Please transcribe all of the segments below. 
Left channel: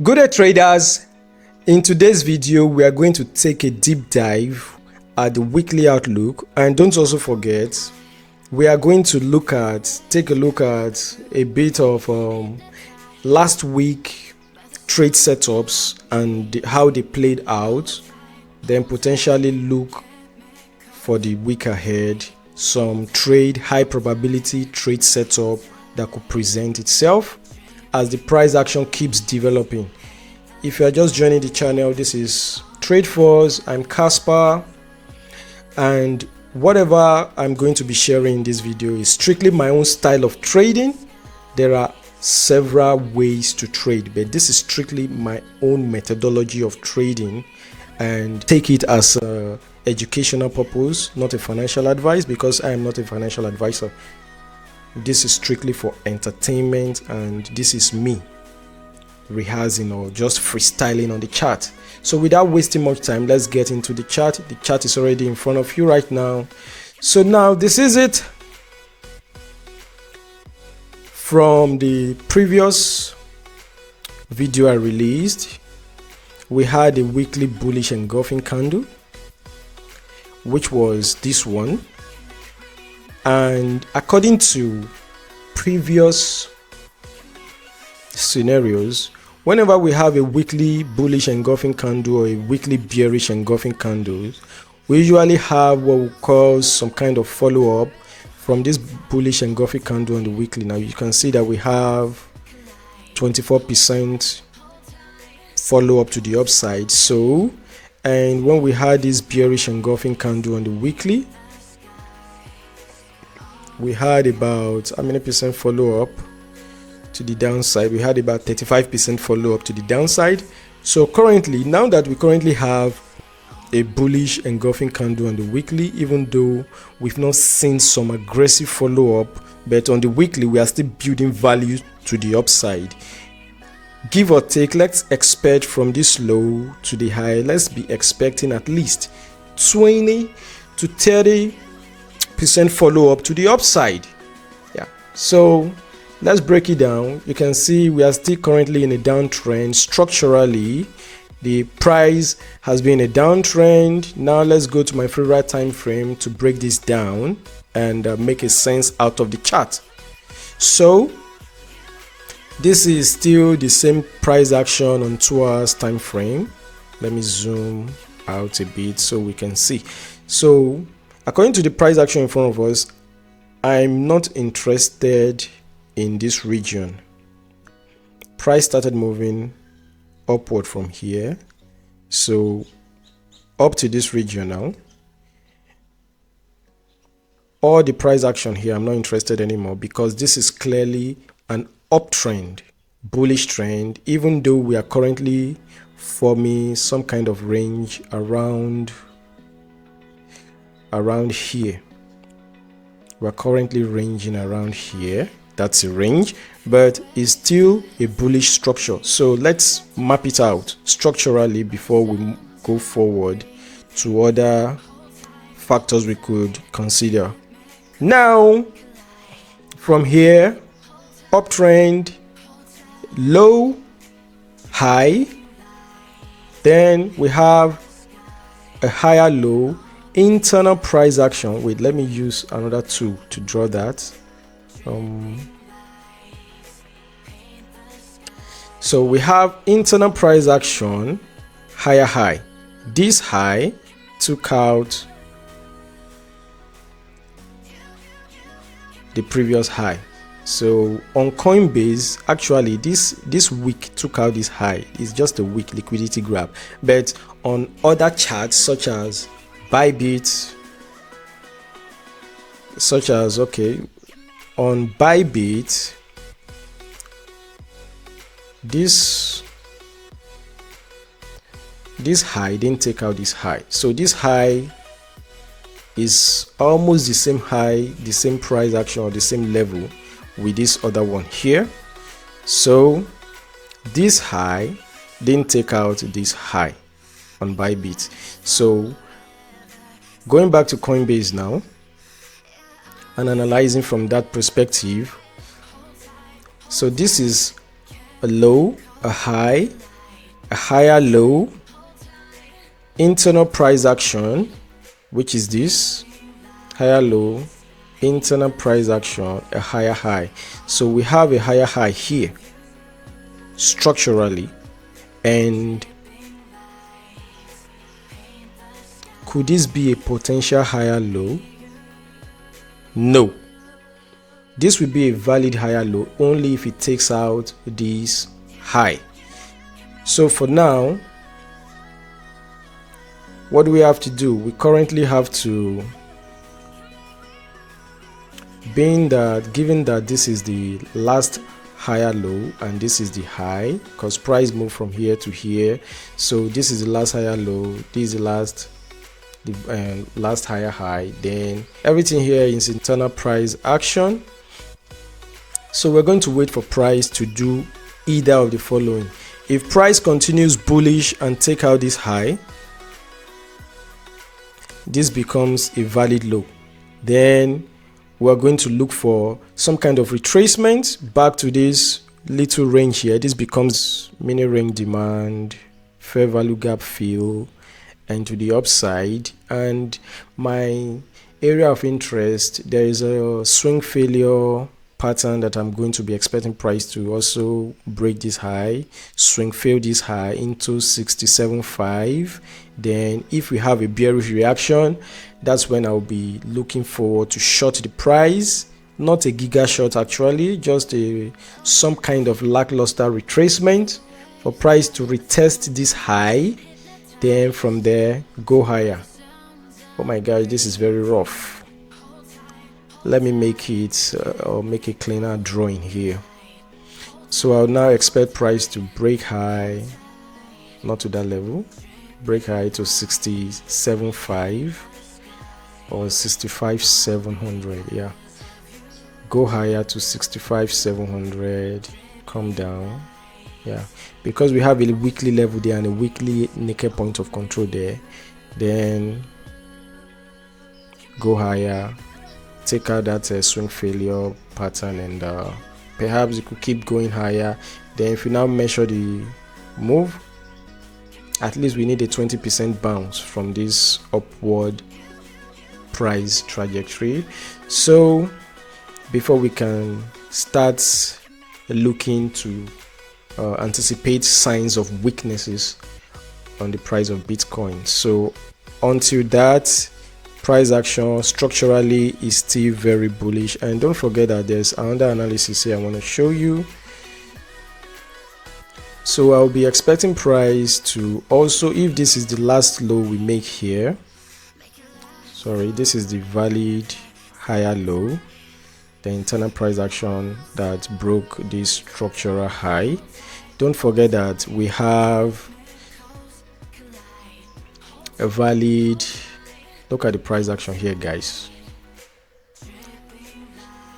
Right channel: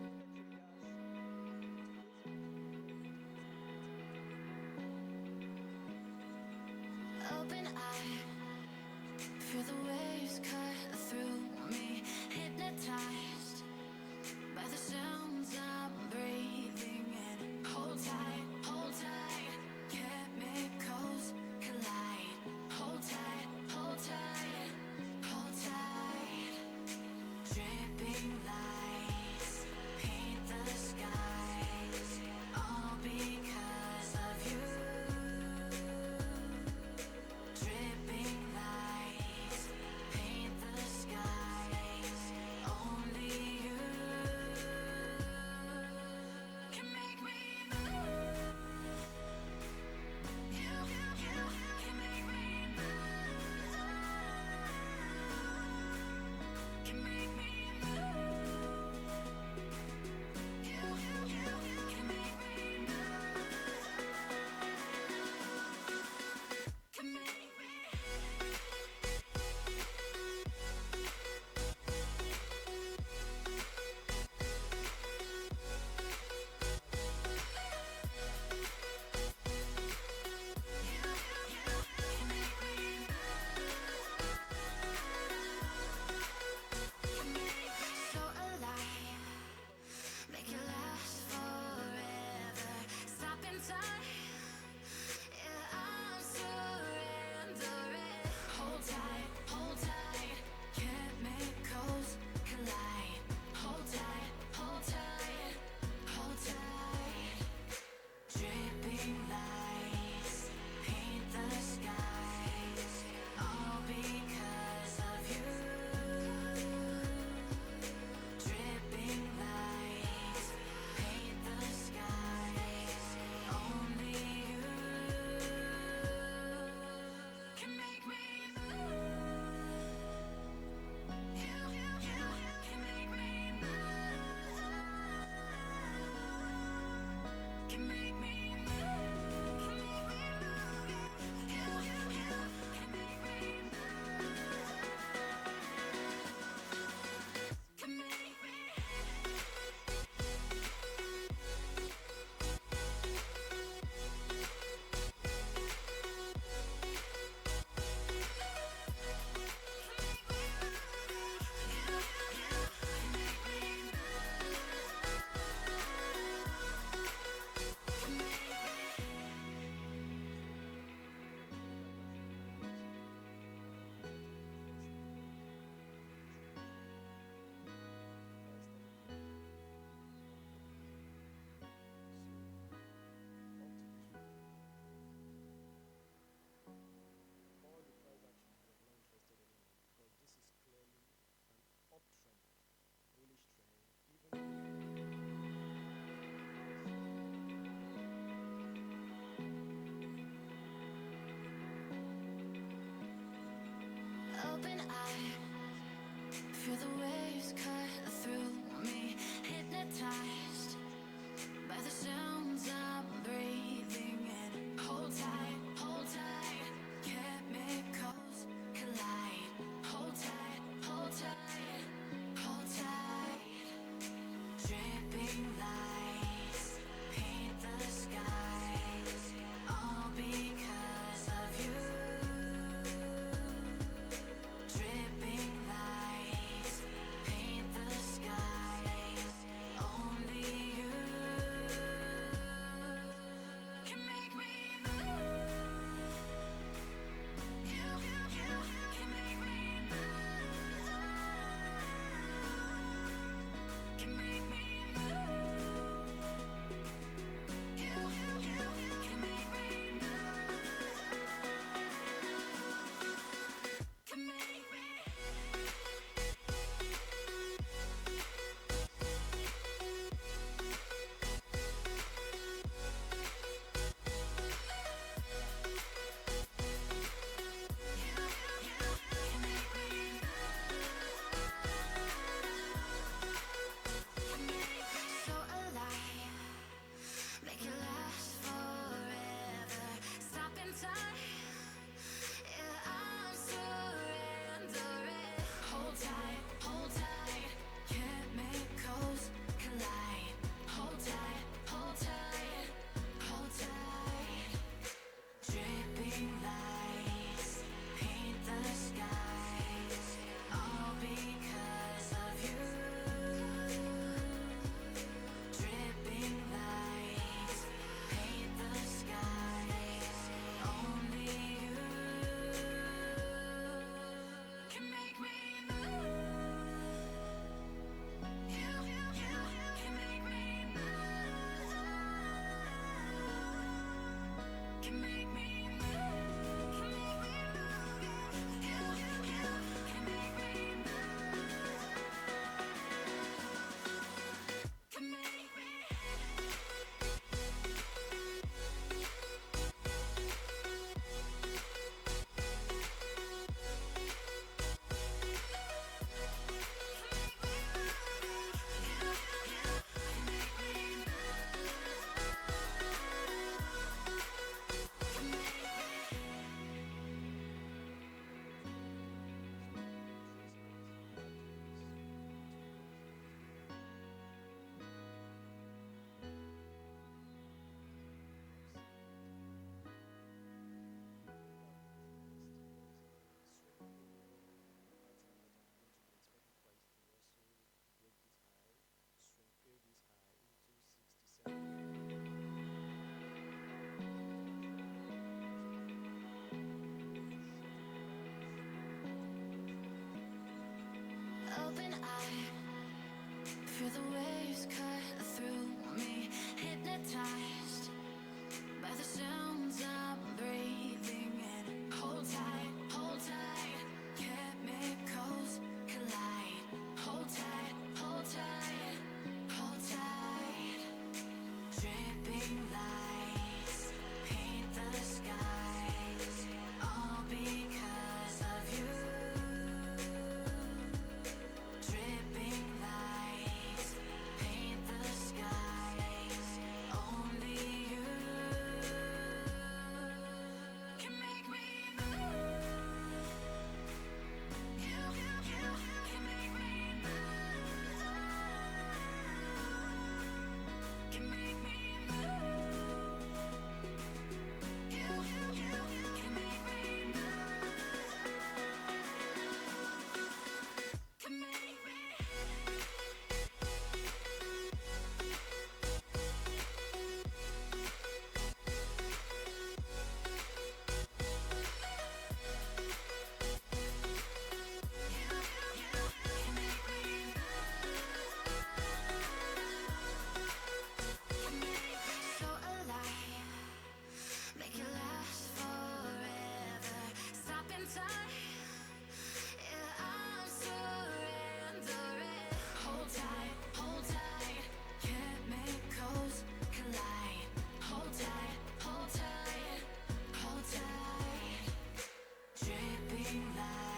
Good day, traders. In today's video we are going to take a deep dive at the weekly outlook, and don't also forget we are going to take a look at a bit of last week trade setups and how they played out, then potentially look for the week ahead, some high probability trade setup that could present itself as the price action keeps developing. If you are just joining the channel, this is Tradefuzz. I'm Casper, and whatever I'm going to be sharing in this video is strictly my own style of trading. There are several ways to trade, but this is strictly my own methodology of trading, and take it as an educational purpose, not a financial advice, because I am not a financial advisor. This is strictly for entertainment, and this is me rehearsing or just freestyling on the chart. So without wasting much time, let's get into the chart. The chart is already in front of you right now. So now this is it. From the previous video I released, we had a weekly bullish engulfing candle, which was this one. And according to previous scenarios, whenever we have a weekly bullish engulfing candle or a weekly bearish engulfing candle, we usually have what we call some kind of follow-up from this bullish engulfing candle on the weekly. Now you can see that we have 24% follow-up to the upside. So, and when we had this bearish engulfing candle on the weekly, we had about how many percent follow up to the downside? We had about 35% follow up to the downside. So currently, now that we currently have a bullish engulfing candle on the weekly, even though we've not seen some aggressive follow up, but on the weekly we are still building value to the upside. Give or take, let's expect from this low to the high, let's be expecting at least 20 to 30% follow up to the upside. Yeah, so let's break it down. You can see we are still currently in a downtrend. Structurally, the price has been a downtrend. Now let's go to my favorite time frame to break this down and make a sense out of the chart. So this is still the same price action on 2 hours time frame. Let me zoom out a bit so we can see. So according to the price action in front of us, I'm not interested in this region. Price started moving upward from here, so up to this region now. All the price action here, I'm not interested anymore, because this is clearly an uptrend, bullish trend, even though we are currently forming some kind of range around here. We're currently ranging around here. That's a range, but it's still a bullish structure. So let's map it out structurally before we go forward to other factors we could consider. Now from here, uptrend, low, high, then we have a higher low, internal price action. Wait, let me use another tool to draw that. So we have internal price action, higher high. This high took out the previous high. So on Coinbase, actually this week took out this high. It's just a weak liquidity grab. But on other charts such as Bybit, on Bybit, this high didn't take out this high. So this high is almost the same high, the same price action, or the same level with this other one here. So this high didn't take out this high on Bybit. So going back to Coinbase now and analyzing from that perspective, so this is a low, a high, a higher low, internal price action, which is this, higher low, internal price action, a higher high. So we have a higher high here structurally, and could this be a potential higher low? No. This will be a valid higher low only if it takes out this high. So for now, what do we have to do? We currently have to, given that this is the last higher low and this is the high, because price moved from here to here, so this is the last higher low, this is the last higher high, then everything here is internal price action. So we're going to wait for price to do either of the following. If price continues bullish and take out this high, this becomes a valid low. Then we're going to look for some kind of retracement back to this little range here. This becomes mini range demand, fair value gap fill, and to the upside. And my area of interest, there is a swing failure pattern that I'm going to be expecting price to also break this high, swing fail this high into 67.5. Then if we have a bearish reaction, that's when I'll be looking forward to short the price. Not a giga short actually, just some kind of lackluster retracement for price to retest this high, then from there go higher. Oh my god, this is very rough. Let me make it or make a cleaner drawing here. So I'll now expect price to break high, not to that level, break high to 67.5 or 65,700. Yeah, go higher to 65,700, come down. Yeah, because we have a weekly level there and a weekly naked point of control there, then go higher, take out that swing failure pattern, and perhaps you could keep going higher. Then if you now measure the move, at least we need a 20% bounce from this upward price trajectory. So before we can start looking to anticipate signs of weaknesses on the price of Bitcoin. So until that, price action structurally is still very bullish. And don't forget that there's another analysis here I want to show you. So I'll be expecting price to also, if this is the last low we make here, sorry, this is the valid higher low, the internal price action that broke this structural high. Don't forget that we have a valid, look at the price action here guys.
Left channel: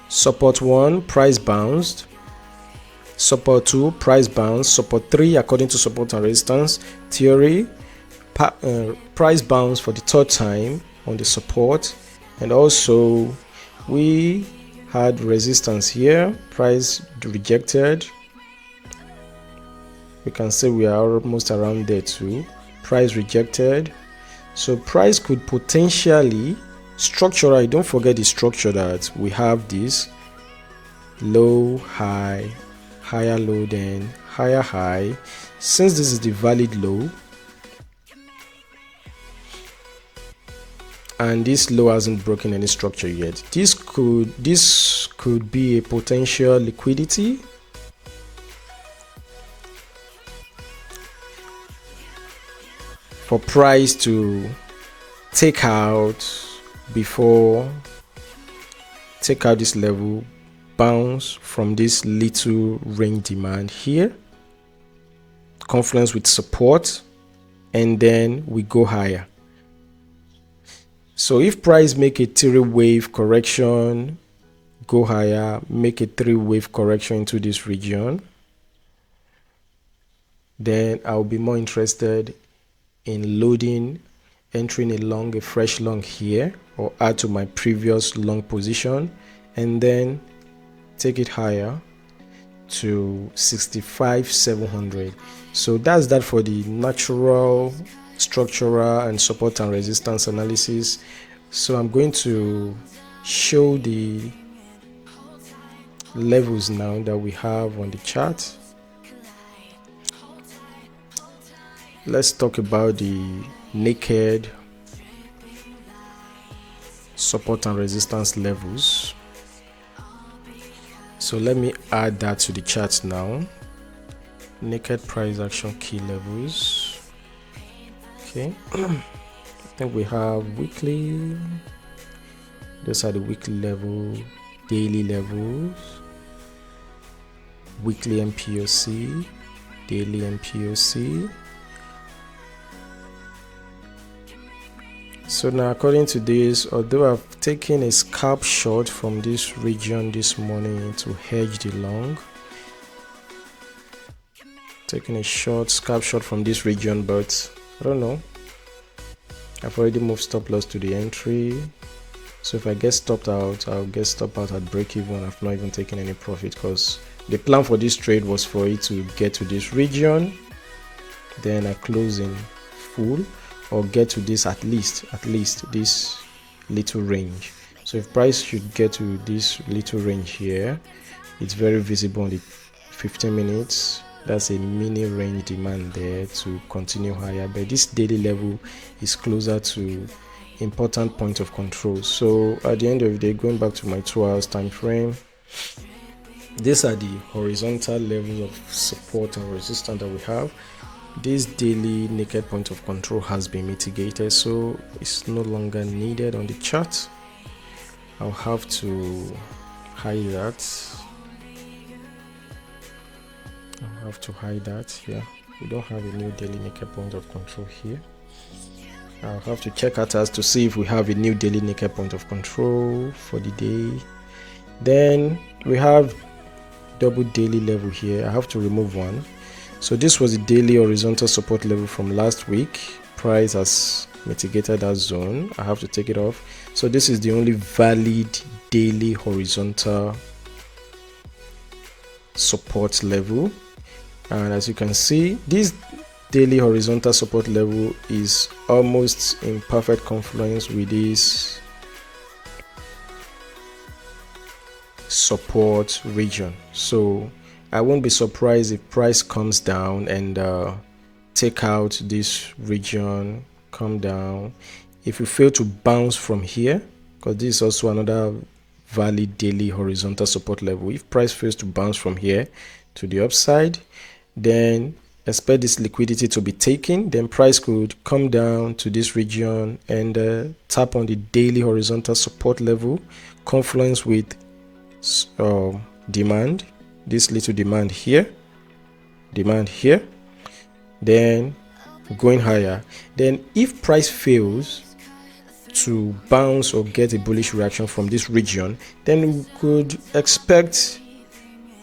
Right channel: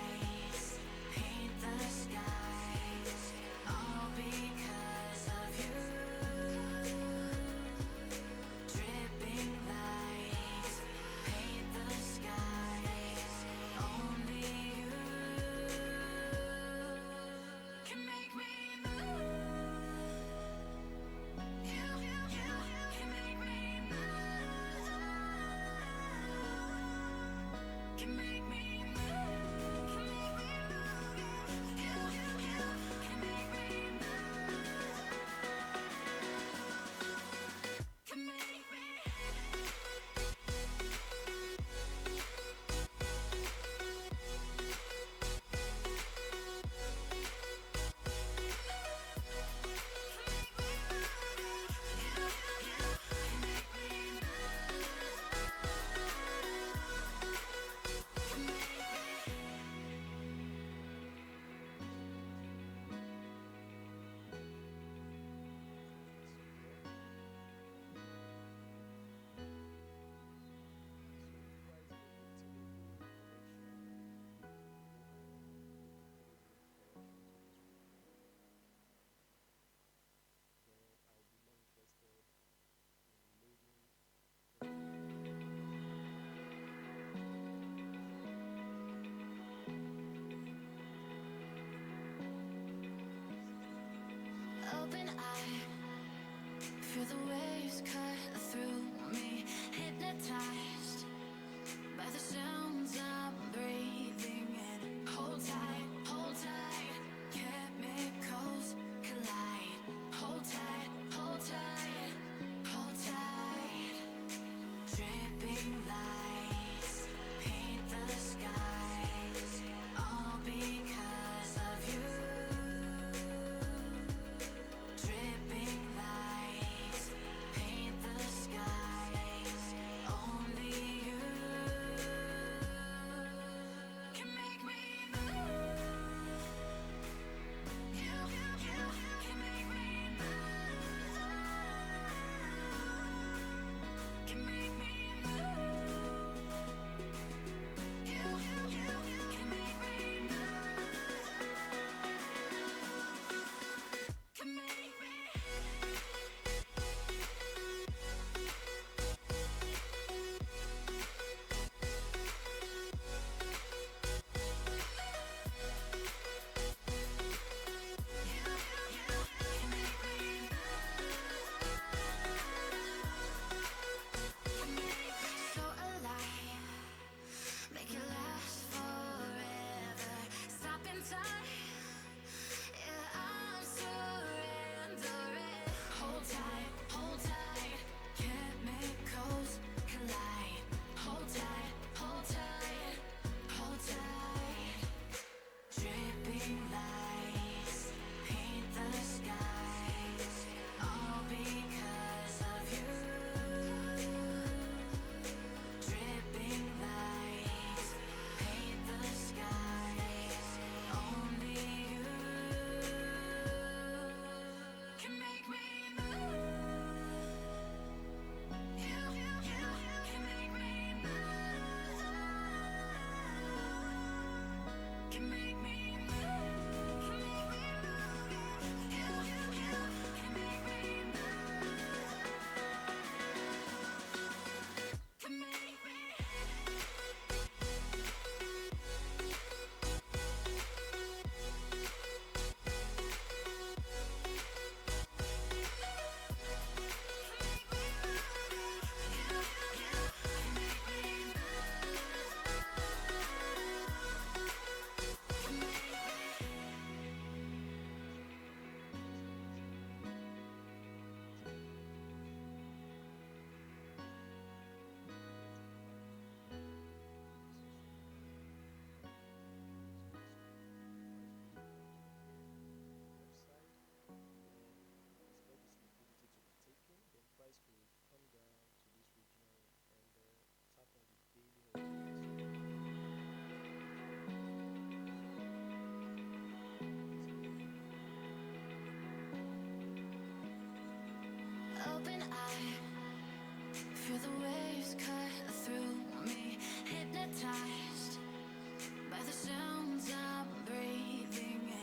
Support 1, price bounced. Support 2, price bounce. Support 3, according to support and resistance theory, price bounce for the third time on the support. And also we had resistance here, price rejected. We can say we are almost around there too, price rejected. So price could potentially structurally, don't forget the structure that we have this low high, higher low, then higher high. Since this is the valid low and this low hasn't broken any structure yet, this could be a potential liquidity for price to take out this level, bounce from this little range demand here, confluence with support, and then we go higher. So if price make a 3-wave correction, go higher, make a 3-wave correction into this region, then I'll be more interested in loading, entering a fresh long here, or add to my previous long position, and then take it higher to 65,700. So that's that for the natural, structural, and support and resistance analysis. So I'm going to show the levels now that we have on the chart. Let's talk about the naked support and resistance levels. So let me add that to the chart now. Naked price action key levels. Okay. I think we have weekly. Those are the weekly level, daily levels, weekly MPOC, daily MPOC. So now according to this, although I've taken a scalp shot from this region this morning to hedge the long, taking a short scalp shot from this region, but I don't know, I've already moved stop loss to the entry. So if I get stopped out, I'll get stopped out at break even. I've not even taken any profit because the plan for this trade was for it to get to this region, then I close in full, or get to this at least this little range. So if price should get to this little range here, it's very visible on the 15 minutes. That's a mini range demand there to continue higher, but this daily level is closer to important point of control. So at the end of the day, going back to my 2 hours time frame, these are the horizontal level of support and resistance that we have. This daily naked point of control has been mitigated, so it's no longer needed on the chart. I'll have to hide that. Yeah, we don't have a new daily naked point of control here. I'll have to check at us to see if we have a new daily naked point of control for the day. Then we have double daily level here. I have to remove one. So this was the daily horizontal support level from last week. Price has mitigated that zone. I have to take it off. So this is the only valid daily horizontal support level. And as you can see, this daily horizontal support level is almost in perfect confluence with this support region. So I won't be surprised if price comes down and take out this region, come down. If we fail to bounce from here, because this is also another valid daily horizontal support level, if price fails to bounce from here to the upside, then expect this liquidity to be taken. Then price could come down to this region and tap on the daily horizontal support level, confluence with demand, this little demand here, then going higher. Then if price fails to bounce or get a bullish reaction from this region, then we could expect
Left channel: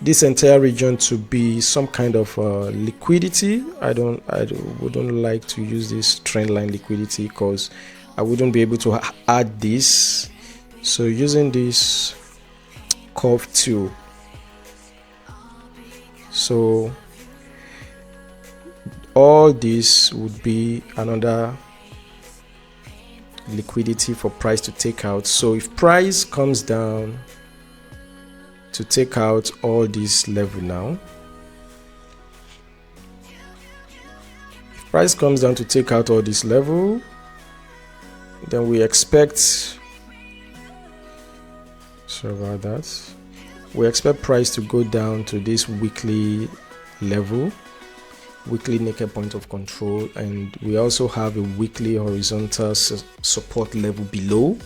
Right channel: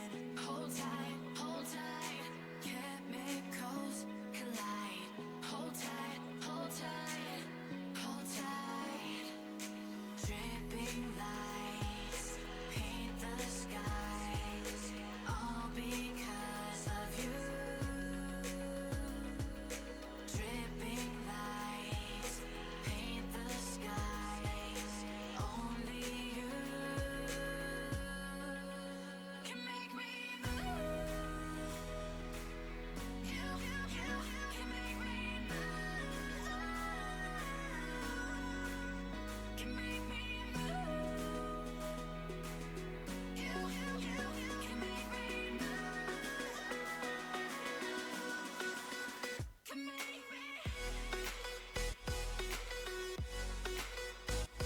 this entire region to be some kind of liquidity. I wouldn't like to use this trend line liquidity because I wouldn't be able to add this. So using this curve tool, so all this would be another liquidity for price to take out. So if price comes down to take out all this level now, if price comes down to take out all this level, then we expect, we expect price to go down to this weekly level, weekly naked point of control, and we also have a weekly horizontal support level below,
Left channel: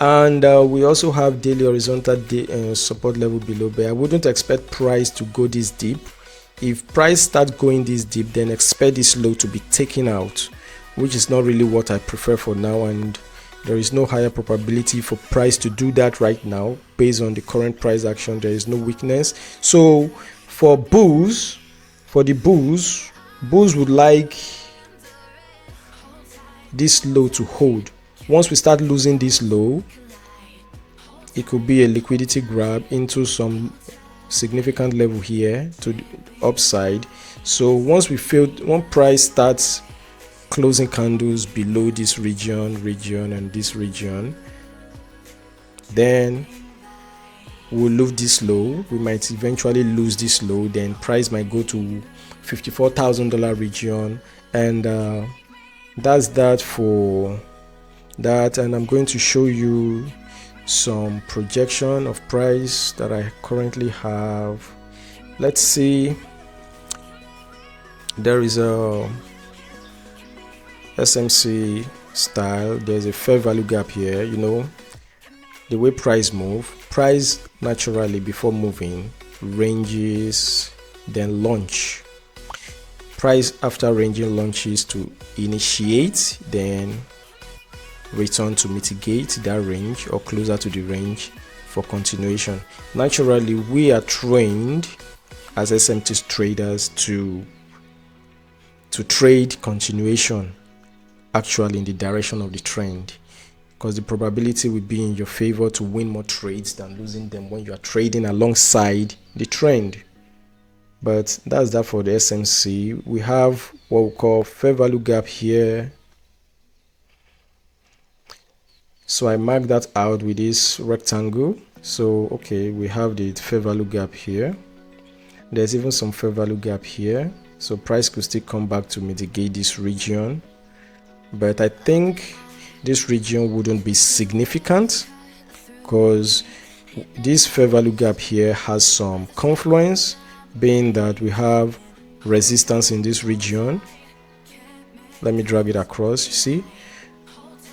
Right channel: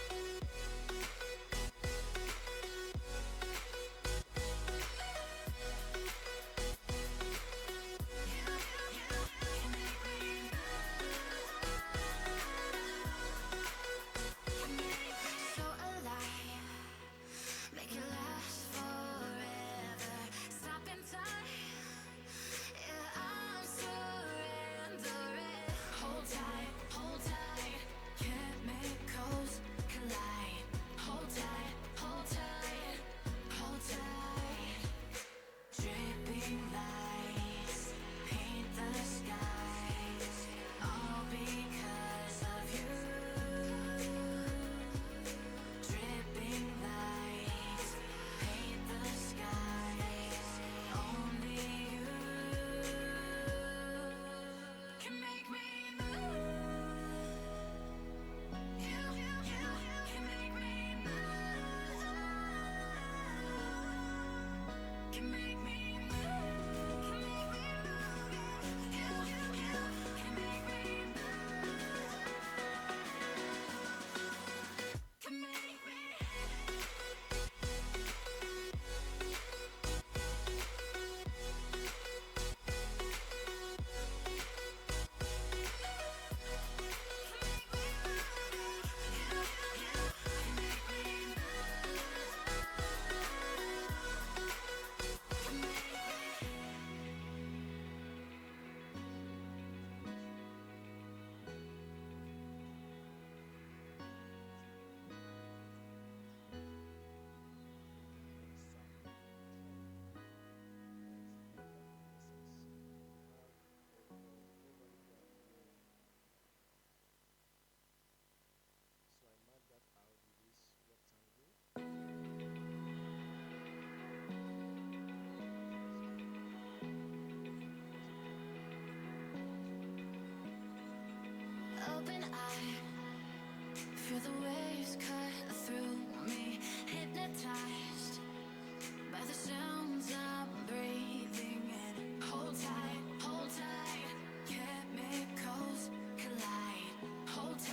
and we also have daily horizontal support level below. But I wouldn't expect price to go this deep. If price starts going this deep, then expect this low to be taken out, which is not really what I prefer for now, and there is no higher probability for price to do that right now based on the current price action. There is no weakness. So for the bulls would like this low to hold. Once we start losing this low, it could be a liquidity grab into some significant level here to the upside. So once price starts closing candles below this region and this region, then we'll lose this low. We might eventually lose this low, then price might go to $54,000 region, and that's that for that. And I'm going to show you some projection of price that I currently have. Let's see, there is a SMC style, there's a fair value gap here. You know, the way price naturally before moving ranges, then launch. Price after ranging launches to initiate, then return to mitigate that range or closer to the range for continuation. Naturally, we are trained as SMT traders to trade continuation actually in the direction of the trend, because the probability will be in your favor to win more trades than losing them when you are trading alongside the trend. But that's that for the SMC. We have what we call fair value gap here. So I mark that out with this rectangle. So okay, we have the fair value gap here. There's even some fair value gap here. So price could still come back to mitigate this region. But I think this region wouldn't be significant, because this fair value gap here has some confluence, being that we have resistance in this region. Let me drag it across. You see,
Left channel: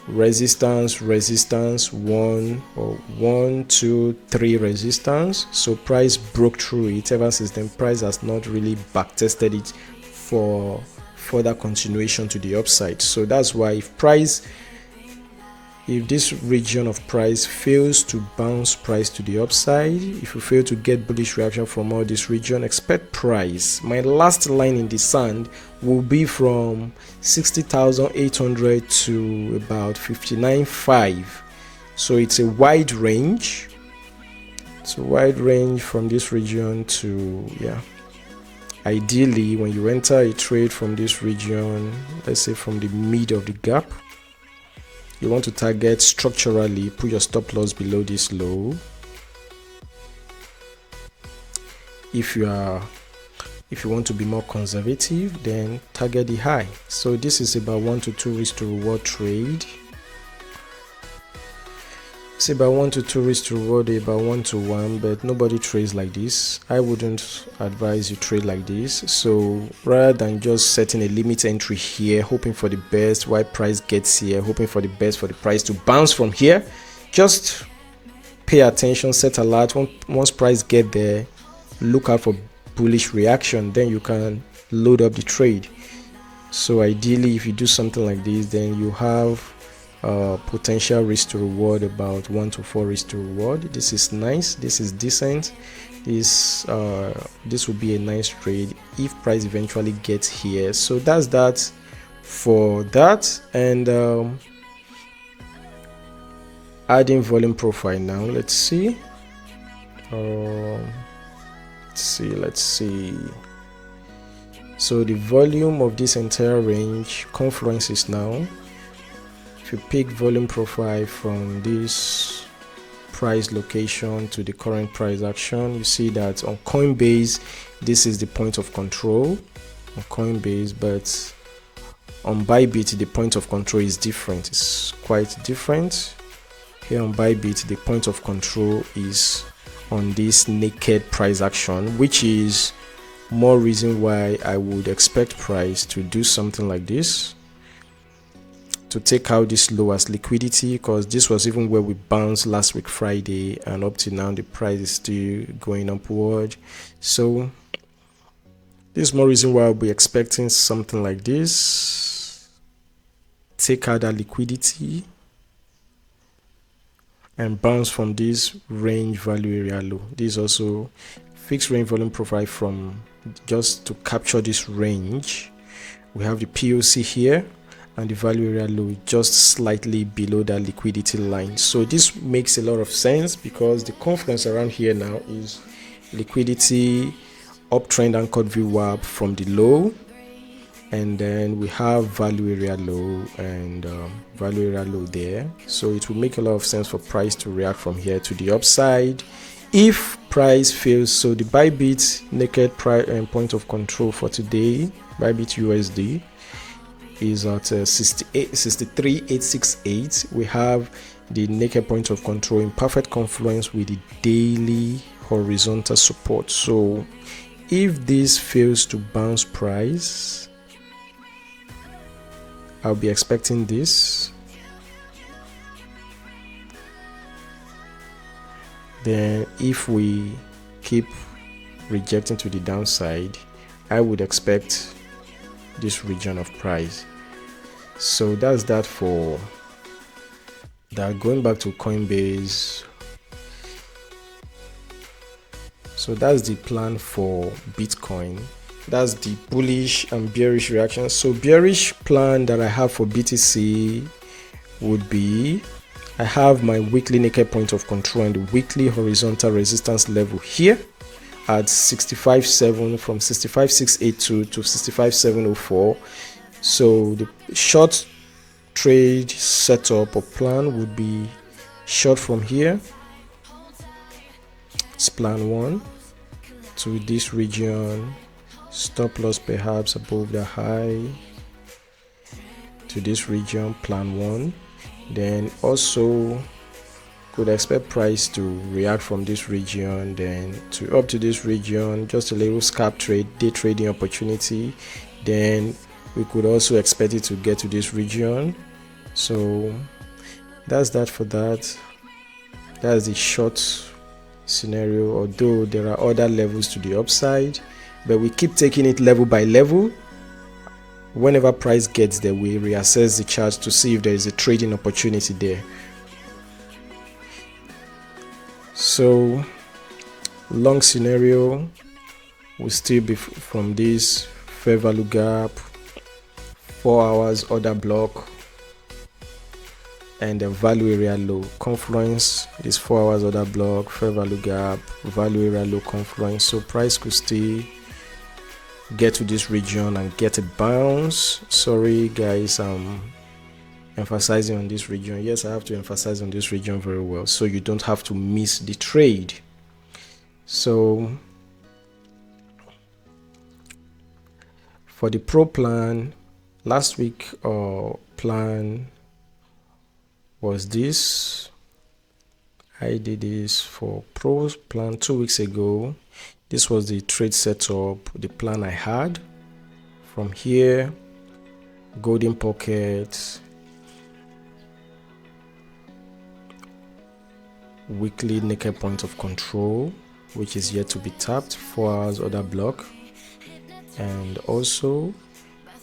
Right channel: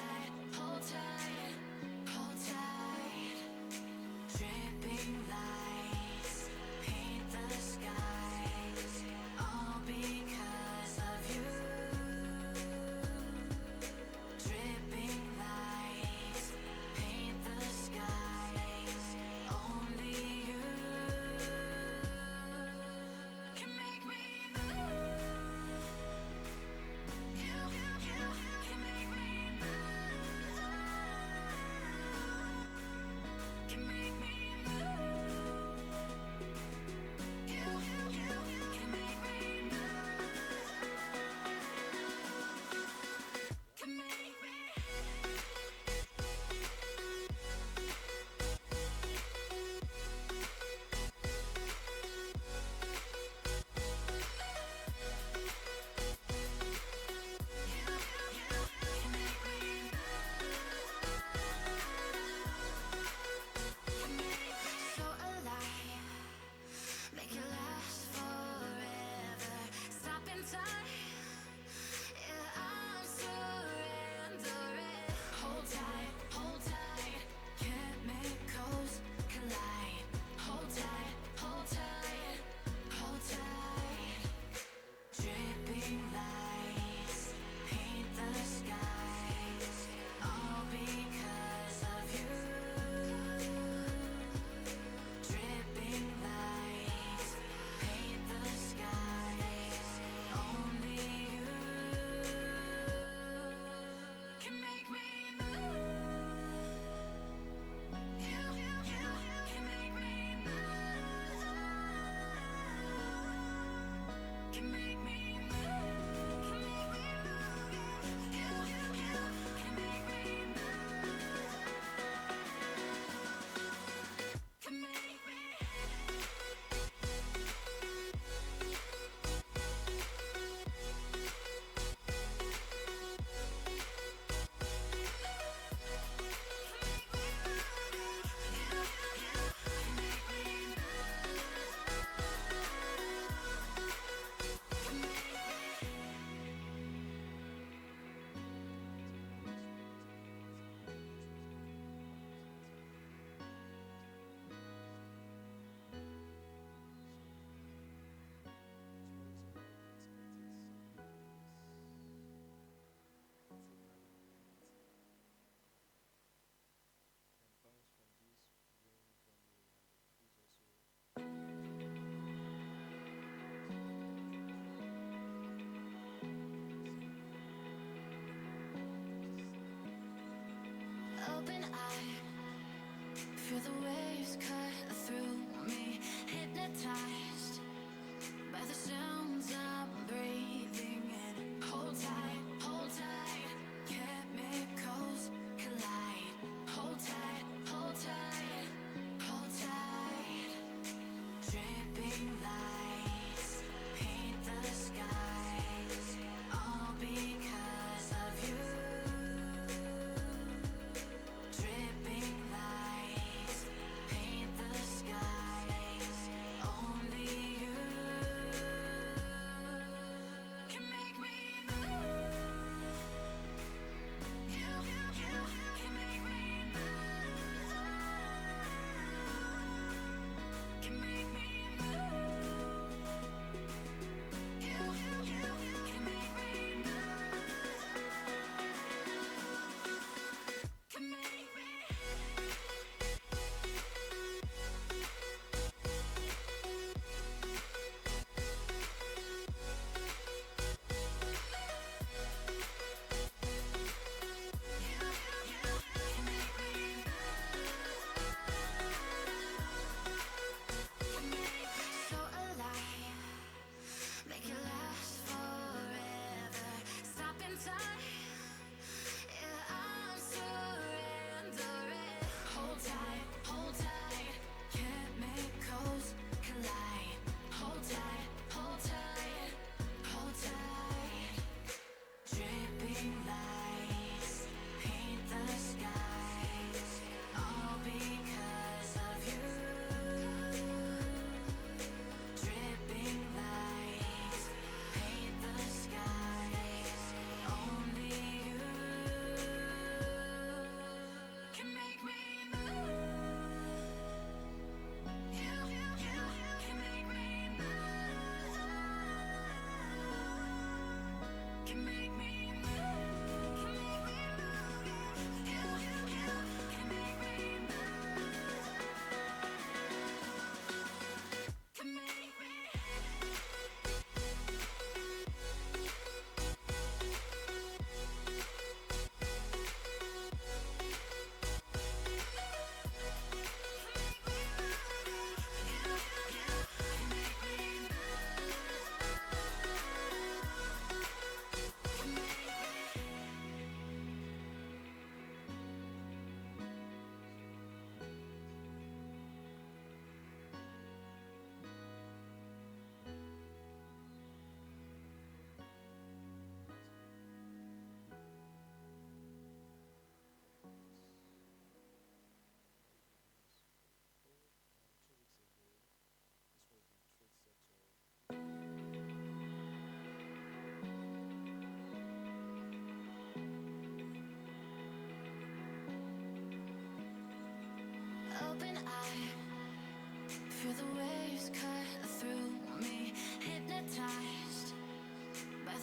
resistance, 1, 2, 3 resistance. So price broke through it. Ever since then, price has not really back tested it for further continuation to the upside. So that's why if this region of price fails to bounce price to the upside, if you fail to get bullish reaction from all this region, expect price. My last line in the sand will be from 60,800 to about 59.5. So it's a wide range. It's a wide range from this region to, yeah. Ideally, when you enter a trade from this region, let's say from the mid of the gap, you want to target structurally, put your stop loss below this low. If you want to be more conservative, then target the high. So this is about 1 to 2 risk to reward trade. It's about 1 to 2 risk to reward, about 1 to 1, but nobody trades like this. I wouldn't advise you trade like this. So rather than just setting a limit entry here, hoping for the best while price gets here, hoping for the best for the price to bounce from here, just pay attention, set alert. Once price get there, look out for bullish reaction, then you can load up the trade. So ideally, if you do something like this, then you have potential risk to reward about 1 to 4 risk to reward. This is nice, this is decent. This will be a nice trade if price eventually gets here. So that's that for that. And adding volume profile now. Let's see. Let's see. So the volume of this entire range confluences now. If you pick volume profile from this price location to the current price action, you see that on Coinbase this is the point of control on Coinbase, but on Bybit the point of control is different. It's quite different. Here on Bybit the point of control is on this naked price action, which is more reason why I would expect price to do something like this, to take out this low as liquidity, because this was even where we bounced last week Friday, and up to now the price is still going upward. So this is more reason why I'll be expecting something like this. Take out that liquidity and bounce from this range value area low. This is also fixed range volume profile from just to capture this range. We have the POC here and the value area low just slightly below that liquidity line. So this makes a lot of sense because the confluence around here now liquidity, uptrend anchored VWAP from the low, and then we have value area low and value area low there. So it will make a lot of sense for price to react from here to the upside if price fails. So the Bybit naked price point of control for today, Bybit USD, is at 63,868. We have the naked point of control in perfect confluence with the daily horizontal support. So if this fails to bounce price, I'll be expecting this. Then if we keep rejecting to the downside, I would expect this region of price. So that's that for that. Going back to Coinbase, so that's the plan for Bitcoin. That's the bullish and bearish reaction. So bearish plan that I have for BTC would be, I have my weekly naked point of control and the weekly horizontal resistance level here at 65.7, from 65.682 to 65.704. So the short trade setup or plan would be short from here. It's plan 1 to this region, stop loss perhaps above the high to this region, plan 1. Then also could expect price to react from this region, then to up to this region, just a little scalp trade, day trading opportunity. Then we could also expect it to get to this region. So that's that for that. That's the short scenario, although there are other levels to the upside, but we keep taking it level by level. Whenever price gets there, we reassess the chart to see if there is a trading opportunity there. So long scenario will still be from this fair value gap, 4 hours order block, and the value area low confluence. This 4 hours order block, fair value gap, value area low confluence. So price could still get to this region and get a bounce. Sorry guys, I'm emphasizing on this region. Yes, I have to emphasize on this region very well so you don't have to miss the trade. So for the pro plan, last week plan was this. I did this for pro plan 2 weeks ago. This was the trade setup, the plan I had from here, golden pocket, weekly naked point of control, which is yet to be tapped, 4 hours order block, and also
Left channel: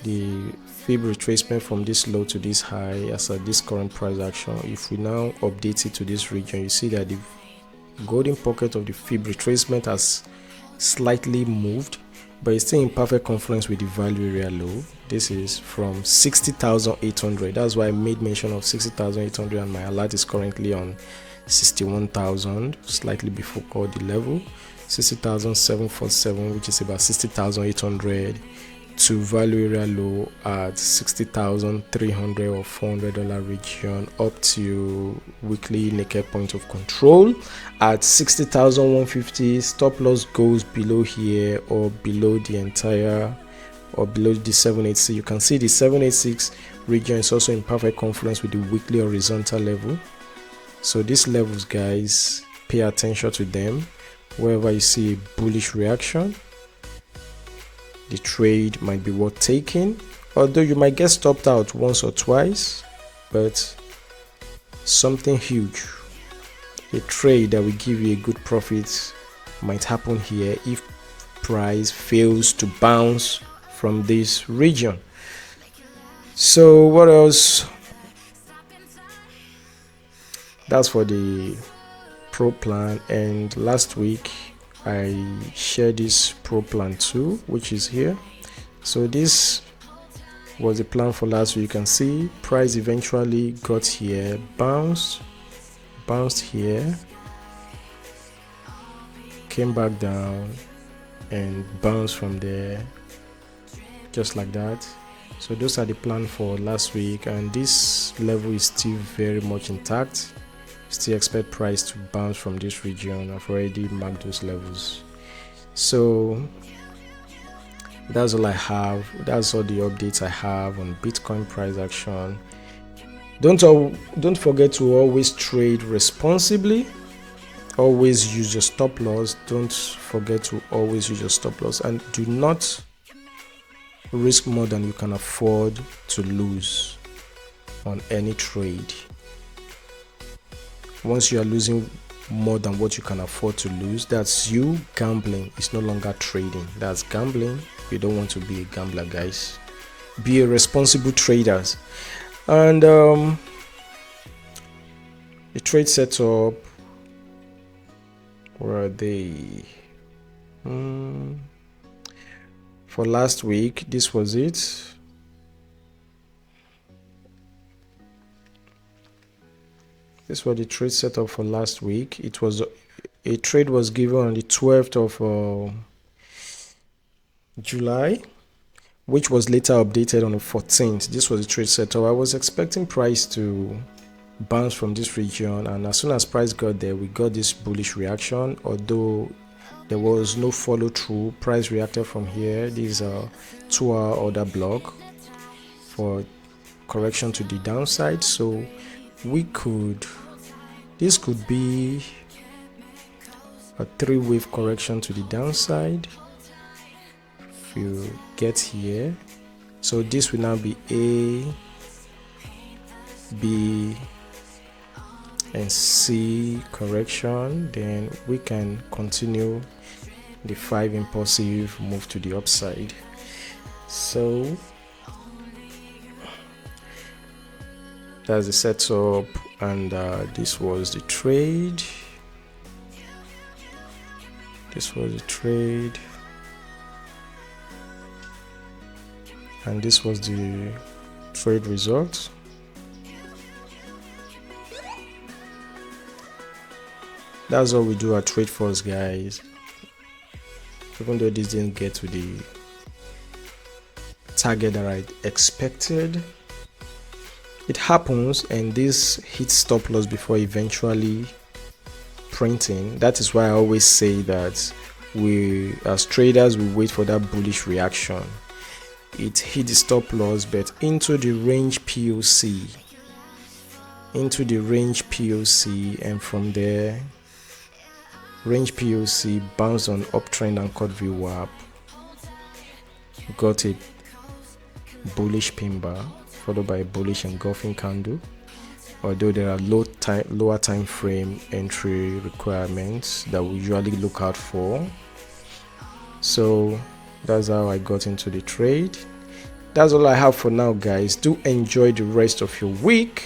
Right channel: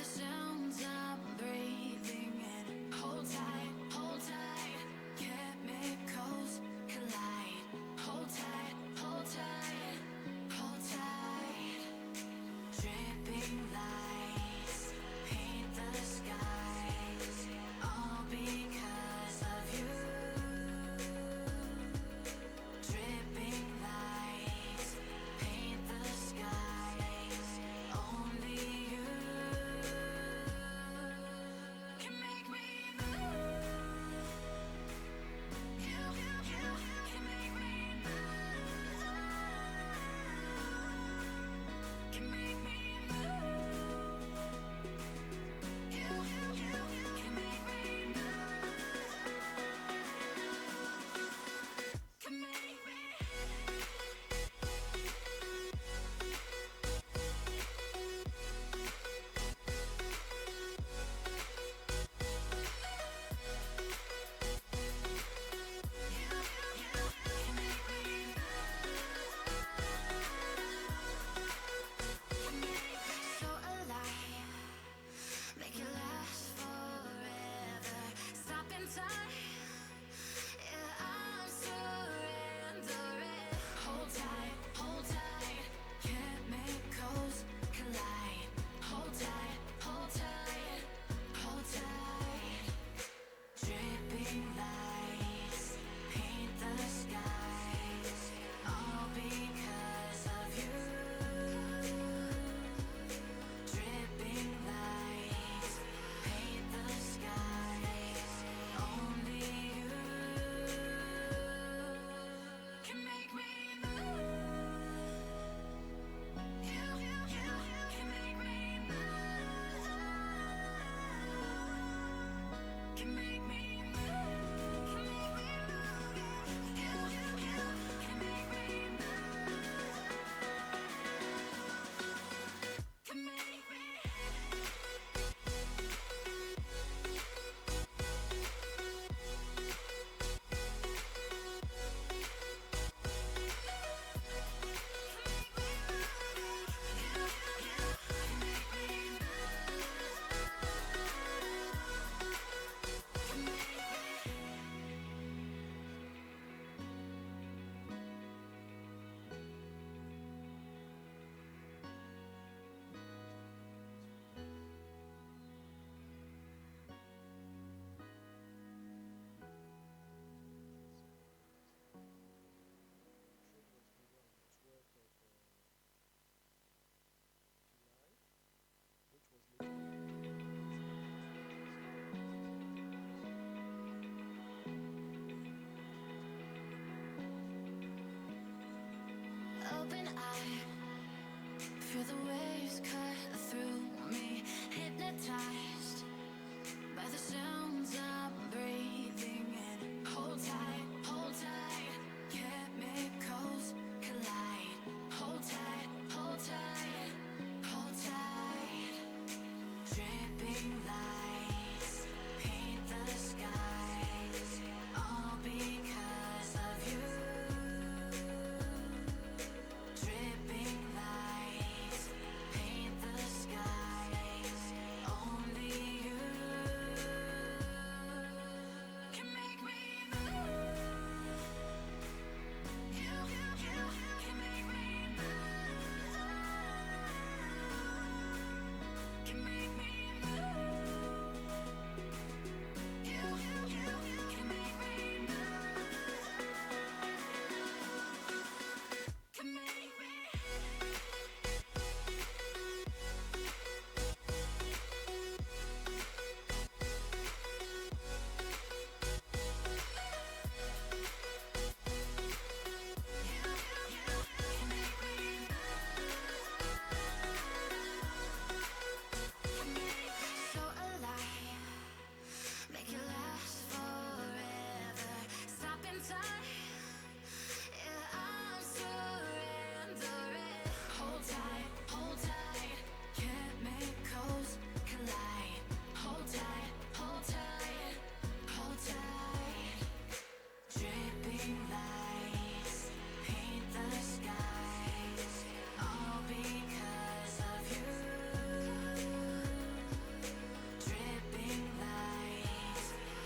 the fib retracement from this low to this high as at this current price action. If we now update it to this region, you see that the golden pocket of the fib retracement has slightly moved, but it's still in perfect confluence with the value area low. This is from 60,800. That's why I made mention of 60,800, and my alert is currently on 61,000, slightly before the level, 60,747, which is about 60,800, to value area low at 60,300 or $400 region, up to weekly naked point of control at 60,150. Stop loss goes below here or below the entire or below the 786. You can see the 786 region is also in perfect confluence with the weekly horizontal level. So these levels, guys, pay attention to them. Wherever you see a bullish reaction, the trade might be worth taking, although you might get stopped out once or twice, but something huge, a trade that will give you a good profit, might happen here if price fails to bounce from this region. So what else? That's for the pro plan. And last week I shared this pro plan 2, which is here. So this was the plan for last week. You can see price eventually got here, bounced here, came back down and bounced from there just like that. So those are the plan for last week, and this level is still very much intact. Still expect price to bounce from this region. I've already marked those levels. So that's all I have. That's all the updates I have on Bitcoin price action. Don't forget to always trade responsibly. Always use your stop loss. Don't forget to always use your stop loss, and do not risk more than you can afford to lose on any trade. Once you are losing more than what you can afford to lose, that's you gambling. It's no longer trading. That's gambling. You don't want to be a gambler, guys. Be a responsible trader. And the trade setup, where are they? For last week, this was it. This was the trade setup for last week. It was a trade was given on the 12th of July, which was later updated on the 14th. This was the trade setup. I was expecting price to bounce from this region, and as soon as price got there, we got this bullish reaction. Although there was no follow through, price reacted from here. This is a 2-hour order block for correction to the downside. So this could be a 3-wave correction to the downside if you get here. So this will now be A, B and C correction. Then we can continue the 5 impulsive move to the upside. So that's the setup, and this was the trade. And this was the trade result. That's all we do at Tradefuzz, guys. Even though this didn't get to the target that I expected, it happens, and this hits stop loss before eventually printing. That is why I always say that we as traders, we wait for that bullish reaction. It hit the stop loss, but into the range POC, and from there range POC bounced on uptrend and cut VWAP, got a bullish pin bar followed by a bullish engulfing candle. Although there are lower time frame entry requirements that we usually look out for. So that's how I got into the trade. That's all I have for now, guys. Do enjoy the rest of your week.